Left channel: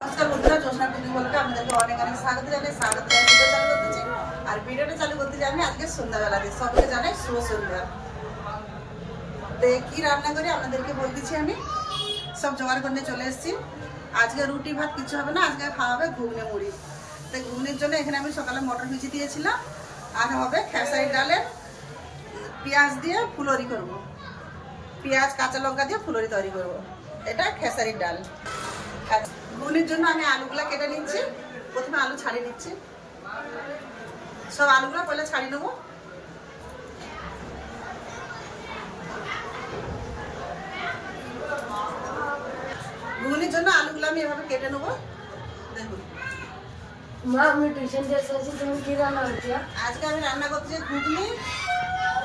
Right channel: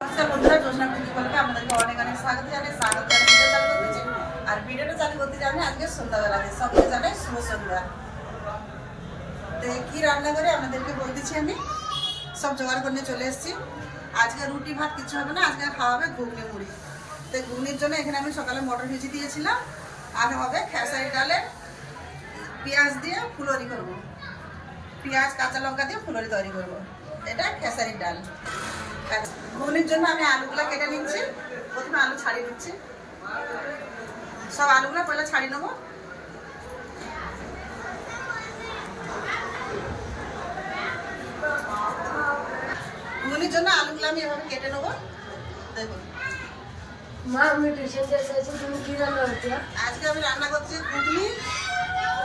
नमस्कार बंधुरा जोशना कुकिंग बोलते আপনাদেরকে অনেক অনেক স্বাগত জানাই ভিডিও চালু করতেছি আর ভিডিওটা চালু করতে জানি আজকে সন্ধ্যাবেলা দিয়ে সবকে জানাই শুভ সন্ধ্যা। তো কি রান্না করে আপনাদেরকে বলতেছি আমি সব জোগাড় করে চলে এসেছি। আজকে রুটি ভাত কিছু হবে না, আজকে খাওয়া হবে ঘুগনি মুড়ি। তো ঘুগনির জন্য এখানে আমি সকালে মটর ভিজিয়ে দিয়েছিলাম, আর হবে খেসারি ডালের পেঁয়াজ দিয়ে ফুলরি করব, পেঁয়াজ কাঁচা লঙ্কা দিয়ে ফুলরি তৈরি করব। এটা খেসারির ডাল। ঘুগনির জন্য আমি আলুগুলা কেটে নিচ্ছি। প্রথমে আলু ছাড়িয়ে দিচ্ছি, সব আলুগুলো পয়লা ছাড়িয়ে নেবো। ঘুগনির জন্য আলুগুলো আমি এভাবে কেটে নেবো। দেখুন মা, আমি টিউশন যেতে আছি, তুমি কি রান্না করছো? আজকে আমি রান্না করছি ঘুগনি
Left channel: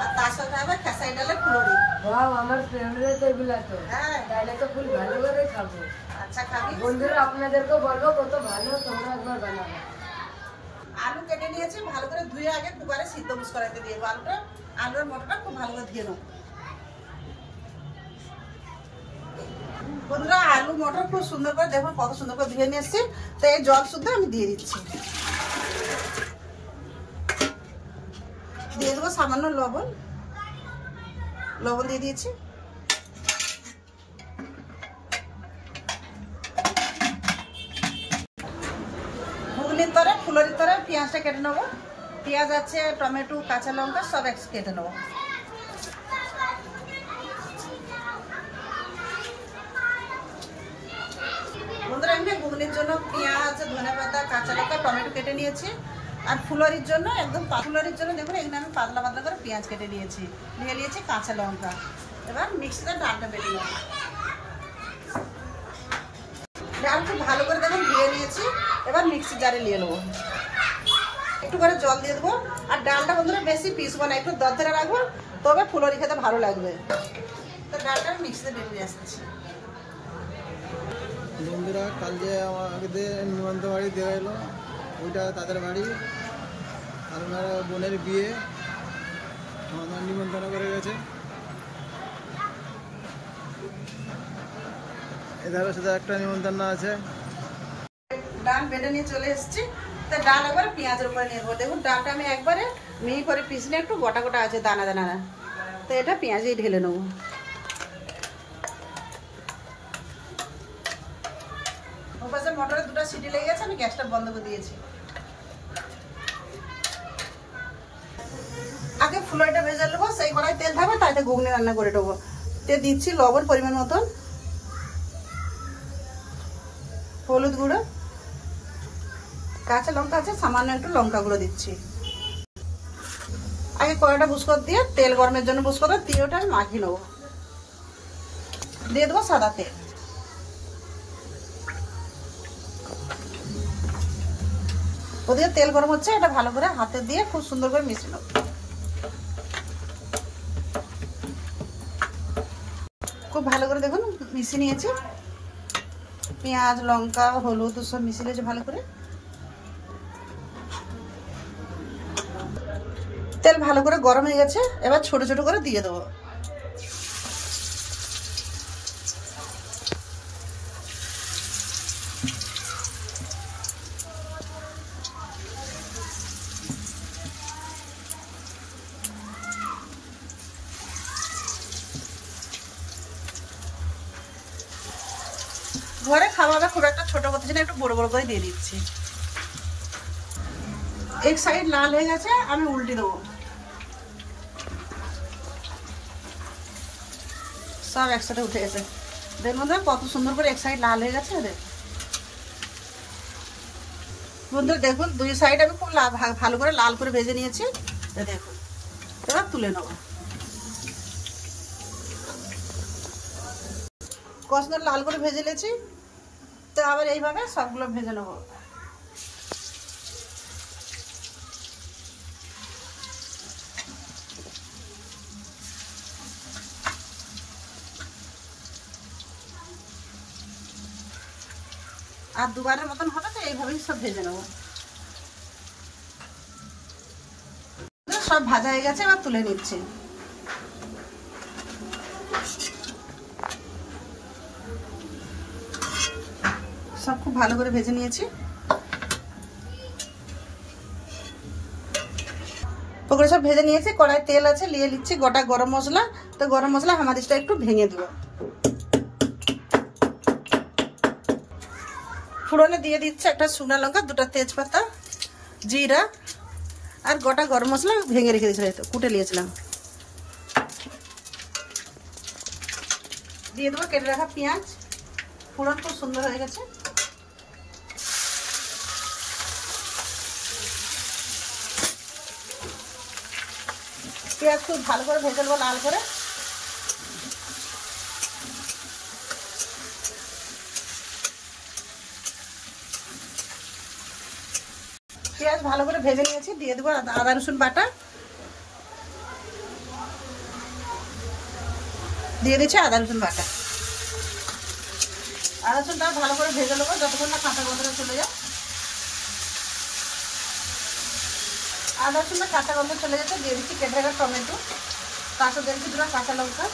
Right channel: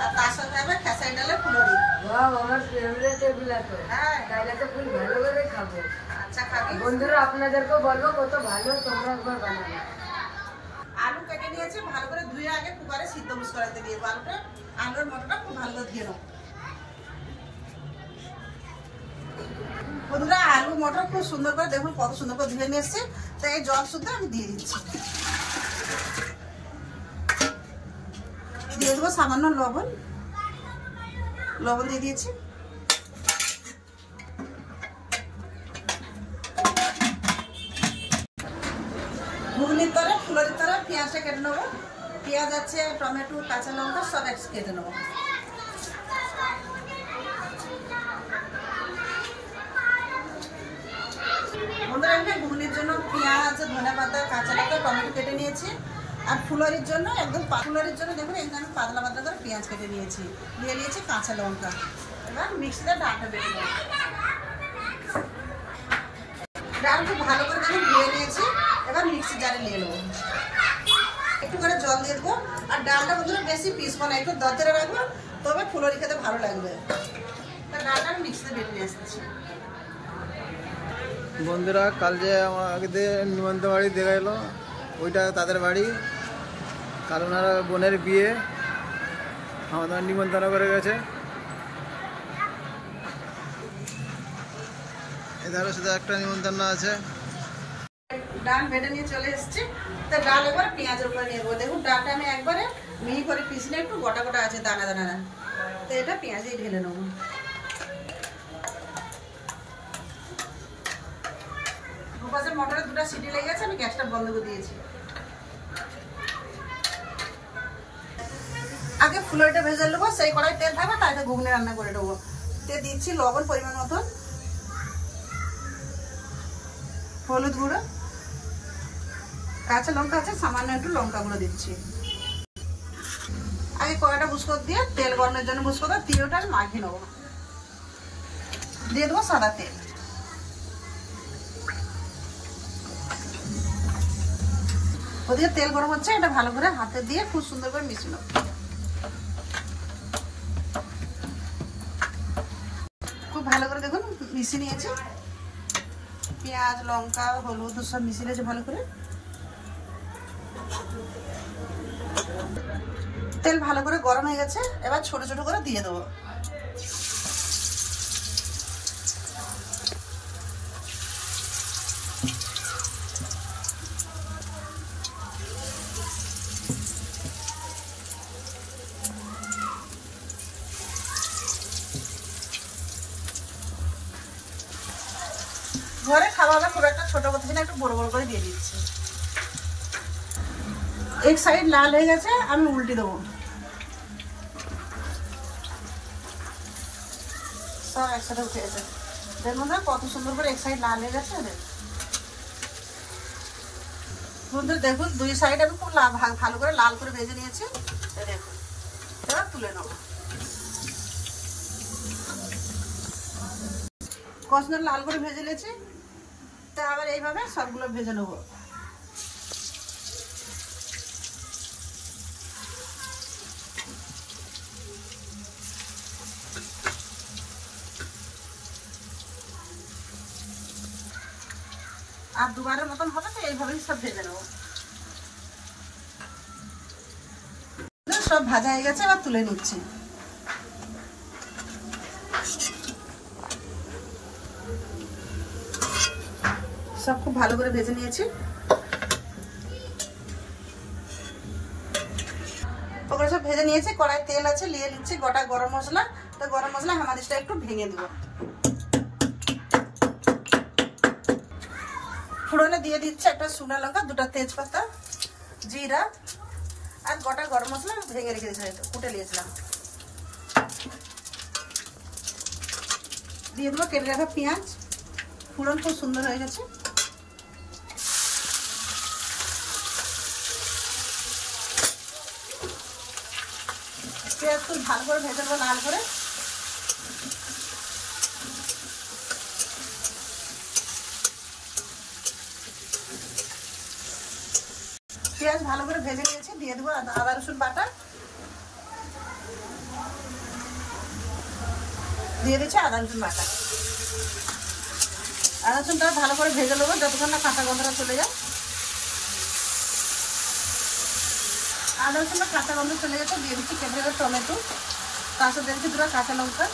আর তার সাথে হবে খেসারি ডালের ফুলরি। ওয়াও, আমার ফেভারিট এগুলা তো। হ্যাঁ, তাহলে তো খুব ভালো করে খাবো। আচ্ছা খাবি। বন্ধুরা আপনাদেরকে বলবো কত ভালো তোমরা একবার বানাবে। আলু কেটে নিয়েছি, ভালো করে ধুয়ে আগে কুকারে সিদ্ধ বুস করাতে দিয়ে আলুটা আলুর মটরটা খুব ভালো করে ধুয়ে নেবো। বন্ধুরা আলু মটর খুব সুন্দর করে দেখুন কত সুন্দর করে ধুয়ে নিয়ে এসছি। তো এই জল শুদ্ধ আমি দিয়ে দিচ্ছি, দিয়ে দেবো সামান্য লবণ। লবণ দিয়ে দিয়েছি। ঘুগনির তরে ফুলরির তরে পেঁয়াজটা কেটে নেবো। পেঁয়াজ আছে, টমেটো, কাঁচা লঙ্কা সব এক কেটে নেবো। বন্ধুরা এখানে ঘুগনির জন্য পেঁয়াজ, ধনেপাতা, কাঁচা লঙ্কা, টমেটো কেটে নিয়েছি। আর ফুলরির জন্য একদম ফুলরির জন্য দেখুন এখানে আমি পাতলা পাতলা করে পেঁয়াজ কেটে নিয়েছি, নিয়ে নিয়েছি কাঁচা লঙ্কা। এবার মিক্সিতে ডালটা বেটে নেব। ডাল খুব ভালো করে দেখুন ধুয়ে নিয়েছি। এবার মিক্সি জারে নিয়ে নেবো। একটু করে জল দিয়ে দেবো। আর ডালটা বন্ধুরা বেশি পিসবো না, একটু দরদরে রাখবো, তবে ফুলরি খেতে ভালো লাগবে। তো ডালটা আমি মিক্সিতে বেটে নিয়ে আসছি। বন্ধুরা কাল যে আমাদের নিমন্ত্রণ বাড়ি দেখা এলো, ওইটা তাদের বাড়ি। কাল ওনার বোনের বিয়ে, আমাদের নিমন্ত্রণ করে গেছে। এধারও শুধু একটা নিমন্ত্রণ আছে। ডাল বেটে নিয়ে চলে এসেছি। তো ডাল একবার পেঁয়াজের উপরে নিয়ে দেবো। দেখুন ডালটা আমি একবারে মিহি করে পিছলে, একটু গোটা গোটা আছে দানা দানা। তো এটা পেঁয়াজেই ঢেলে নেবো। ওপাশে মটরের দুটো সিটি লেগে গেছে, আমি গ্যাসটা বন্ধ করে দিয়েছি। আগে ফুলরিটা ভেজে নেবো, সেই কড়াই তেল থাকবে, তাইতে ঘুগনি রান্না করে নেবো। তেল দিচ্ছি লবণ পরিমাণ মতন, হলুদ গুঁড়ো, কাঁচা লঙ্কা আছে সামান্য একটু লঙ্কা গুঁড়ো দিচ্ছি। আগে কড়াইটা বুসকর দিয়ে তেল গরমের জন্য বুসকর দিয়ে ওটা আমি মাখিয়ে নেবো। দিয়ে দেবো সাদা তেল। ওদিকে তেল গরম হচ্ছে, এটা ভালো করে হাতে দিয়ে খুব সুন্দর করে মিশিয়ে নেবো। খুব ভালো করে দেখুন মিশিয়ে নিয়েছি। পেঁয়াজ, লঙ্কা, হলুদ সব মিশিয়ে নিয়েছি ভালো করে। তেল ভালো করে গরম হয়ে গেছে, এবার ছোট ছোট করে দিয়ে দেবো। ঘরে খাওয়াবে খুব একটা ছোট করতেছি না, একটু বড় বড় করে দিয়ে দিচ্ছি। এক সাইড লাল হয়ে গেছে, আমি উল্টে দেবো। সব একসাথে উঠে গেছে। দেখুন তো কত সুন্দর করে এক সাইড লাল হয়ে গেছে। বন্ধুরা দেখুন দুই সাইড আমি খুব ভালো করে লাল করে ভেজে নিয়েছি। দেখুন এবার তুলে নেব। কষনা লাল করে ভেজে নিয়েছি। তো আবার এইভাবে সবগুলো ভেজে নেবো। আর দুবারের মতন হবে, তো এইভাবেই সব ভেজে নেব। সব ভাজা হয়ে গেছে, এবার তুলে নিচ্ছি। সব খুব ভালো করে ভেজে নিয়েছি। পকোড়া সব ভেজে নিয়েছি, কড়াই তেল আছে, নিয়ে নিচ্ছি গোটা গরম মশলা। তো গরম মশলা হামাদিসটা একটু ভেঙে দেবো। ফোড়নে দিয়ে দিচ্ছি একটা শুকনো লঙ্কা, দুটো তেজপাতা, জিরা আর গোটা গরম মশলা ভেঙে রেখে দিয়েছিলাম, কুটে নিয়েছিলাম। দিয়ে দেবো কেটে রাখা পেঁয়াজ। ফোড়ন খুব সুন্দর হয়ে গেছে। পেঁয়াজ খুব ভালো করে ভেজে নেবো লাল করে। পেঁয়াজ ভালো করে ভেজে নিয়েছি, দিয়ে দেবো আদা রসুন বাটা। দিয়ে দিচ্ছি আদা রসুন বাটা। আদা রসুনটা ভালো করে ভেজে নেবো যতক্ষণ না কাঁচা গন্ধটা চলে যায়। আদা রসুনের কাঁচা গন্ধ চলে গেছে, দিয়ে দিচ্ছি কেটে রাখা টমেটো, পাশে দিয়ে দিচ্ছি দুটো কাঁচা লঙ্কা,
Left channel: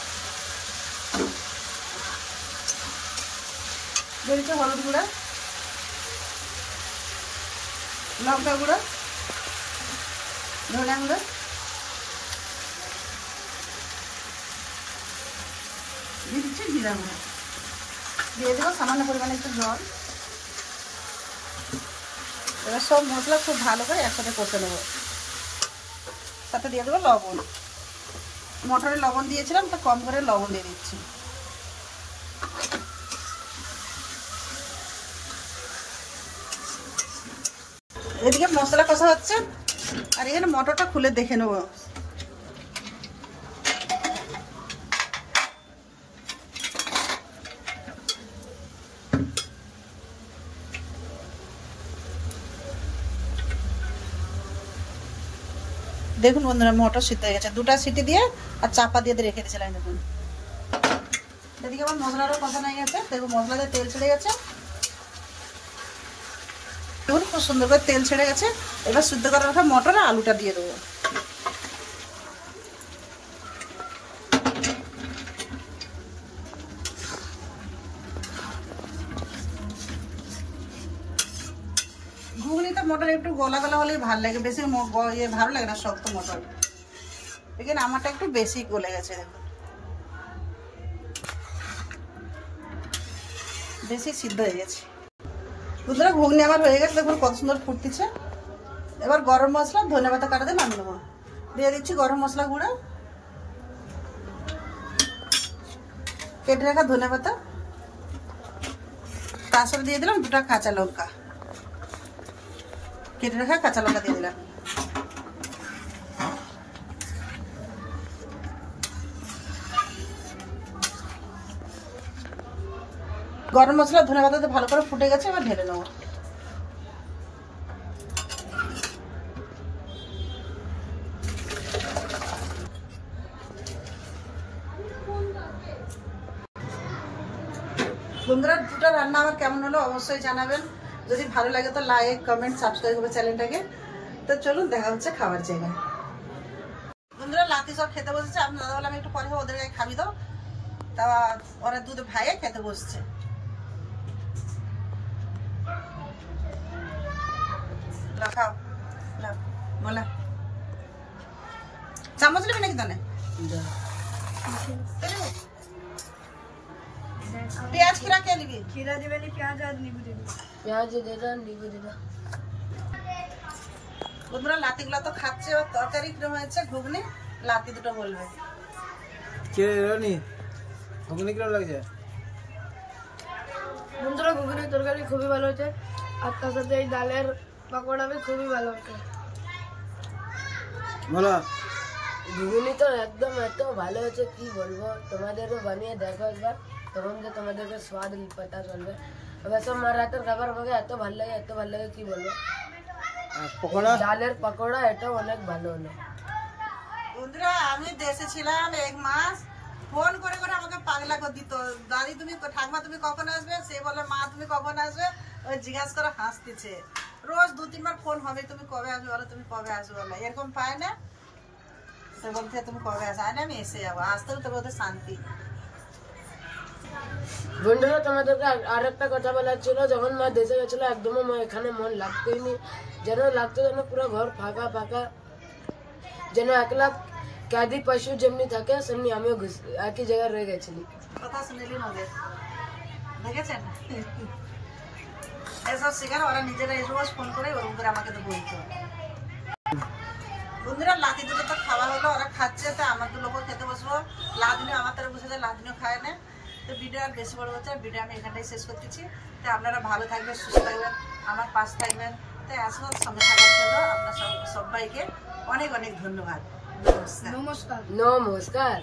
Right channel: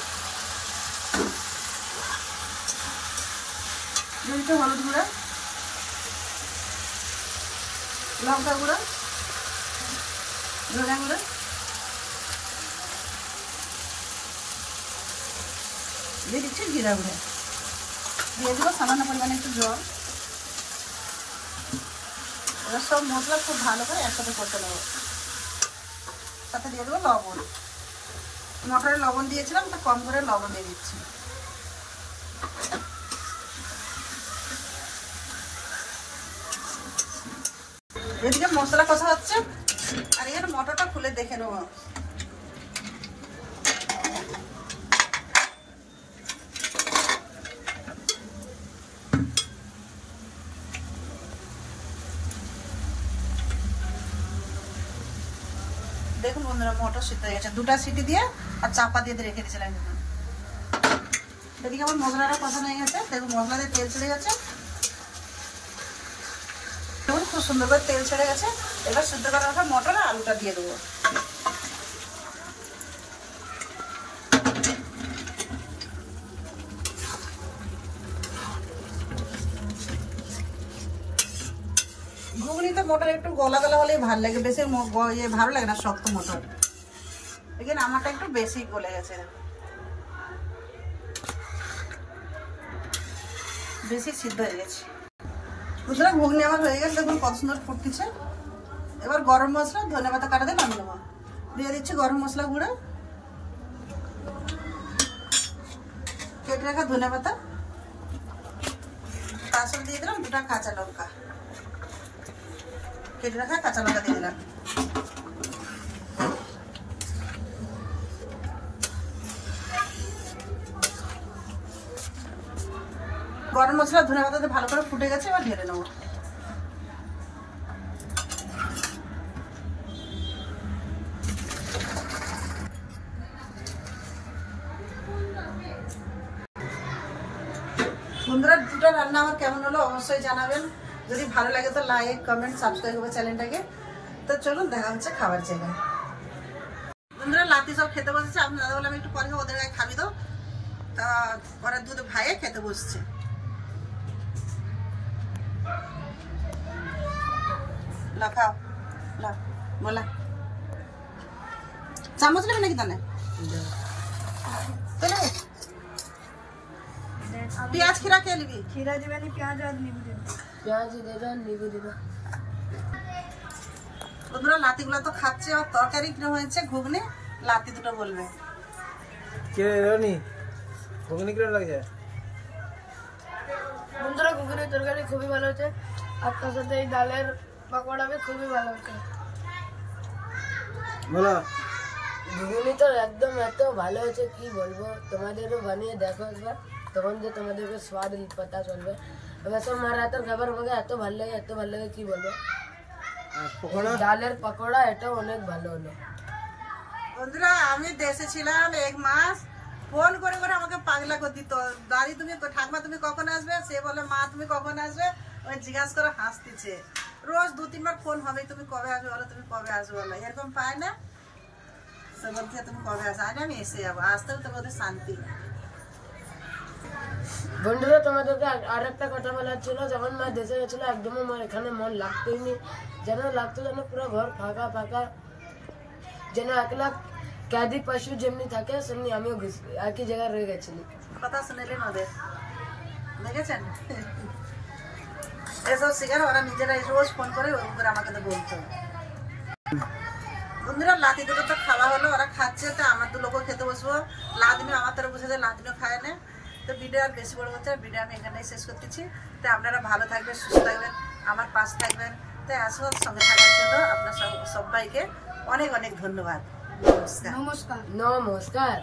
দিয়ে দিচ্ছি হলুদ গুঁড়া, লঙ্কা গুঁড়ো, ধনিয়া গুঁড়ো, দিয়ে দিচ্ছি জিরা গুঁড়ো, দিয়ে দেবো সামান্য পরিমাণে একটু জল। এবার সব মশলা খুব ভালো করে একসাথে করতে নেবো। তাতে দিয়ে দেবো লবণ। মটরে লবণ দিয়েছিলাম, তো কম করে লবণ দিয়ে দিচ্ছি। এদিকে মশলা কষা হচ্ছে, আর এখানে মটরটা খুলে দেখে নেবো। দেখুন বন্ধুরা, মটর সিদ্ধ হয়ে গেছে। দুটা সিটি দিয়ে আর চাপা দিয়ে রেখে দিয়েছিলাম। দেখুন এদিকে আমার মশলাটা কষা হয়ে গেছে। দেখুন মশলাতে তেল ছেড়ে গেছে, খুব সুন্দর করে তেল ছেড়ে গেছে। এবার সিদ্ধ করা রাখা মটর আর আলুটা দিয়ে দেবো। ঘুগনিতে মটর একটু গলা গলা হলে ভালো লাগে, বেশি ভালো লাগে না শক্ত মটর। দেখেন আমারটা একটু বেশি গলে গেছে, বেশি সিদ্ধ হয়ে গেছে। বুঝলে ঘুগনি আমার হয়ে গেছে। দেখুন কত সুন্দর ফুটতেছে। এবার গরম মশলা, ধনেপাতা কাটা দিয়ে নামিয়ে দেবো। দিয়ে দিচ্ছি গরম মশলা গুঁড়া, কেটে রাখা ধনেপাতা, তার সাথে দিয়ে দিলাম দুটা কাঁচা লঙ্কা, কেটে রাখা কাঁচা লঙ্কা দিয়ে দিলাম। গরম মশলা ধনেপাতাতে ভালো করে ফুটে গেছে, এবার ঢেলে নেবো। বন্ধুরা দুটো রান্না আমার কেমন হলো অবশ্যই জানাবেন। যদি ভালো লাগে তো লাইক কমেন্ট সাবস্ক্রাইব করবে চ্যানেলটাকে। তো চলুন দেখা হচ্ছে খাবার জায়গায়। বন্ধুরা লাতি সব খেতে বসেছে। আমি দাদা বললাম একটু পরে ওদের গায়ে খাবি দাও, তা ওরা দুধ ভাইয়ে খেতে বসছে। লা খাও, লা বলা চামচ নেবে নাকি তানে? চলে পেঁয়াজ खीरा क्या निबी? खीरा दिबे नहीं, प्याज और नींबू दिबे। प्याज दे दो, नींबू दे दो। বন্ধুরা লাতিগুলা তো খাচ্ছে। আর তরকারি কিরকম হয়েছে ঘুগনি, লাতি দুটো বলবে। কে রানি ঘুগনি কিরকম লাগছে? বন্ধুরা ঘুগনি তরকারি খুবই ভালো হয়েছে, আর তার সাথে এই ডালের পকোড়া भी খুবই ভালো হয়েছে। বলো ঘুগনি তো একদম এত ভালো হয়েছে কি বলবো, তোমাদেরও বানিয়ে দেখো একবার, তখন যে তোমাদেরকে স্বাদ पता চলবে। वैसे আমার রাতের খাবার বগে এত ভালো লাগে কি বলবো। পকোড়া, ডালের পকোড়া এটাও অনেক ভালো হলো। বন্ধুরা আমি দেশে ছিলাম 1 মাস, ফোন করে করে আমাকে পাগলা করে দিত। দাদি তুমি ঠাকমা তুমি কখন আসবে, সে বলে মা তুমি কখন আসবে, ওই জিজ্ঞাসা করে হাসতেছে। রোজ 2-3 বার ফোন হবে, তুমি কবে আসবে বলো, তুমি কবে আসবে বলো, এরকম পায় না। তো বলতে তুমি কবে আসবে, আমি এসে যাবো। আসতে তবে ওদের শান্তি। বন্ধুরা তোমাদেরকে আর একটা কথা বলার ছিল, যখন মা দেশে গেছিল একদমই মা এখানে মন লাগতেই নি, যেন লাগতো যেন পুরো ঘর ফাঁকা ফাঁকা, যেন একলা ক্যাদি পশু যেমনি থাকে সেমনি আমিও একই জায়গায় রয়ে গেছিলি। কথা শুনেলেন ওদের, দেখেছেন এসব শিকার ওরা নিজেরাই রোজ ফোন করে ওরকম করে আমাকে তো বলতো। বন্ধুরা লাতি দুটো তো খাওয়া হলো, ওরা খাচ্ছে, তো আমার দু লোকও খেতে বসবো। লাদিনও আমার তরফ বসে যায়, লাদিনও খায় না। তো ভিডিও আর বেশি বড় হচ্ছে, ভিডিও আমি এখানটাই শেষ করতেছি। তো আপনারা ভালো থাকবেন, সুস্থ থাকবেন, আমার পাশে থাকবেন। তো আসল সঙ্গে থাকার জন্য আপনার সবাইকে অনেক অনেক ধন্যবাদ। নমস্কার। নমস্কার।